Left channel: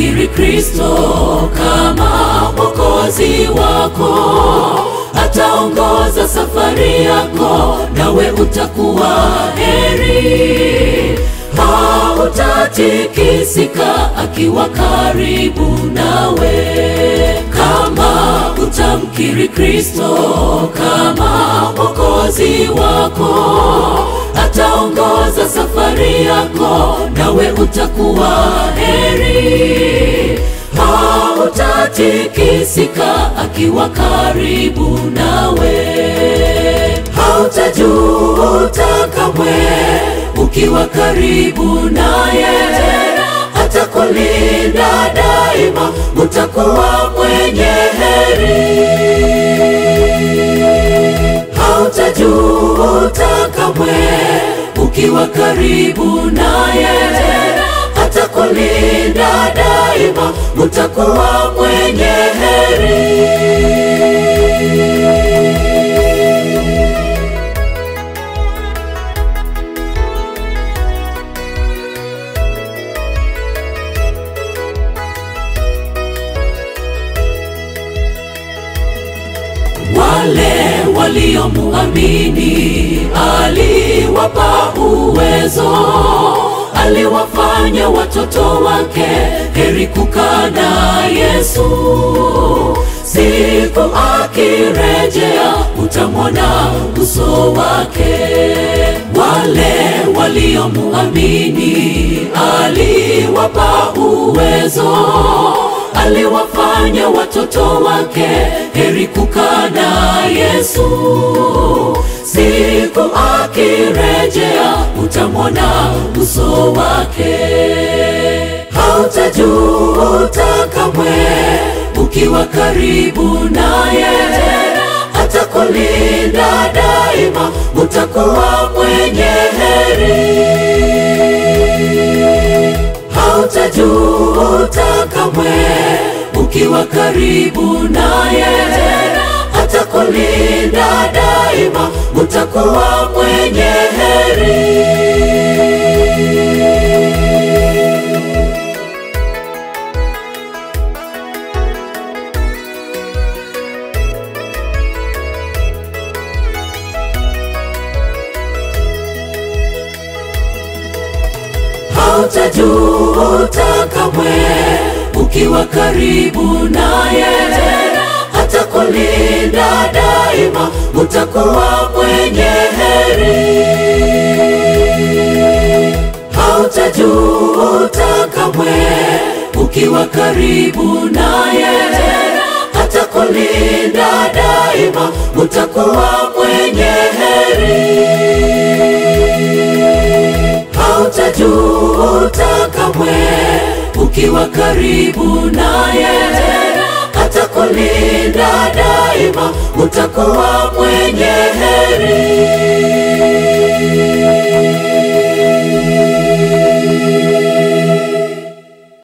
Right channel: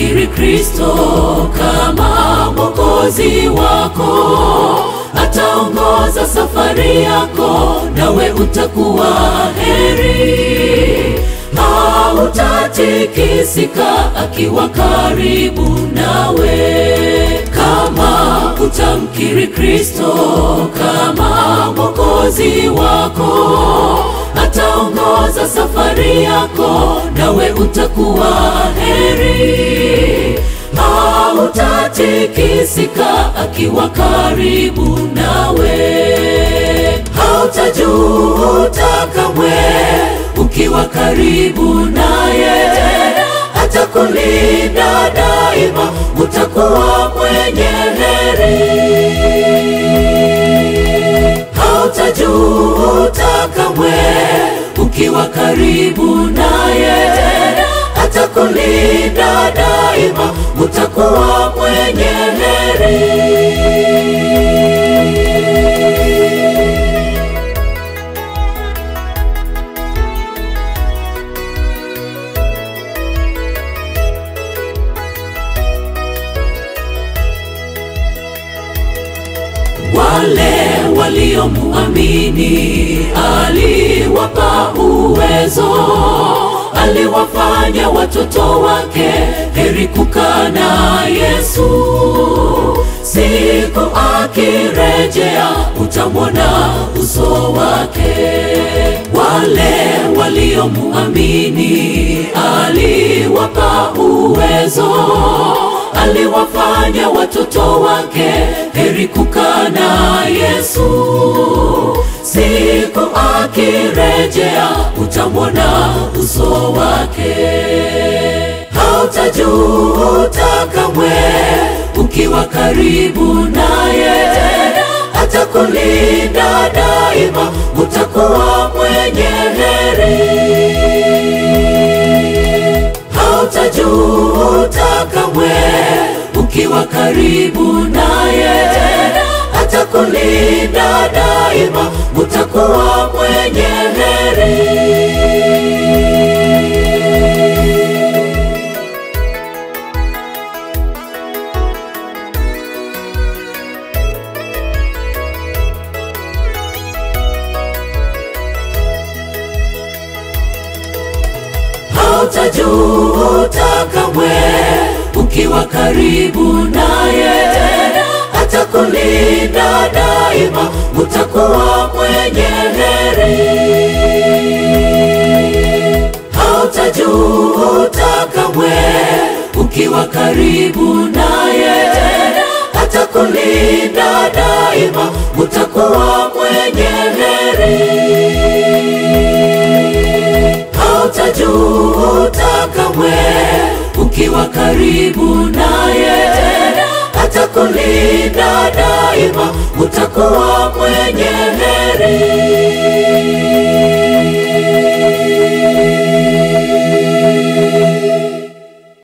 utamkiri Kristo kama Mwokozi wako, ataongoza safari yako, nawe utakuwa heri. Hautatikisika akiwa karibu nawe. Kama utamkiri Kristo kama Mwokozi wako, ataongoza safari yako, nawe utakuwa heri. Hautatikisika akiwa karibu nawe. Hautajuta kamwe ukiwa karibu naye, atakulinda daima, utakuwa mwenye heri. Hautajuta kamwe ukiwa karibu naye, atakulinda daima, utakuwa mwenye heri. Wale waliomuamini aliwapa uwezo, aliwafanya watoto wake, heri kukaa na Yesu. Siku akirejea utamwona uso wake. Wale waliomuamini aliwapa uwezo, aliwafanya watoto wake, heri kukaa na Yesu. Siku akirejea utamwona uso wake. Hautajuta kamwe ukiwa karibu naye, atakulinda daima, utakuwa mwenye heri. Hautajuta kamwe ukiwa karibu naye, atakulinda daima, utakuwa mwenye heri. Hautajuta kamwe ukiwa karibu naye, atakulinda daima, utakuwa mwenye heri. Hautajuta kamwe ukiwa karibu naye, atakulinda daima, utakuwa mwenye heri. Hautajuta kamwe ukiwa karibu naye, atakulinda daima, utakuwa mwenye heri.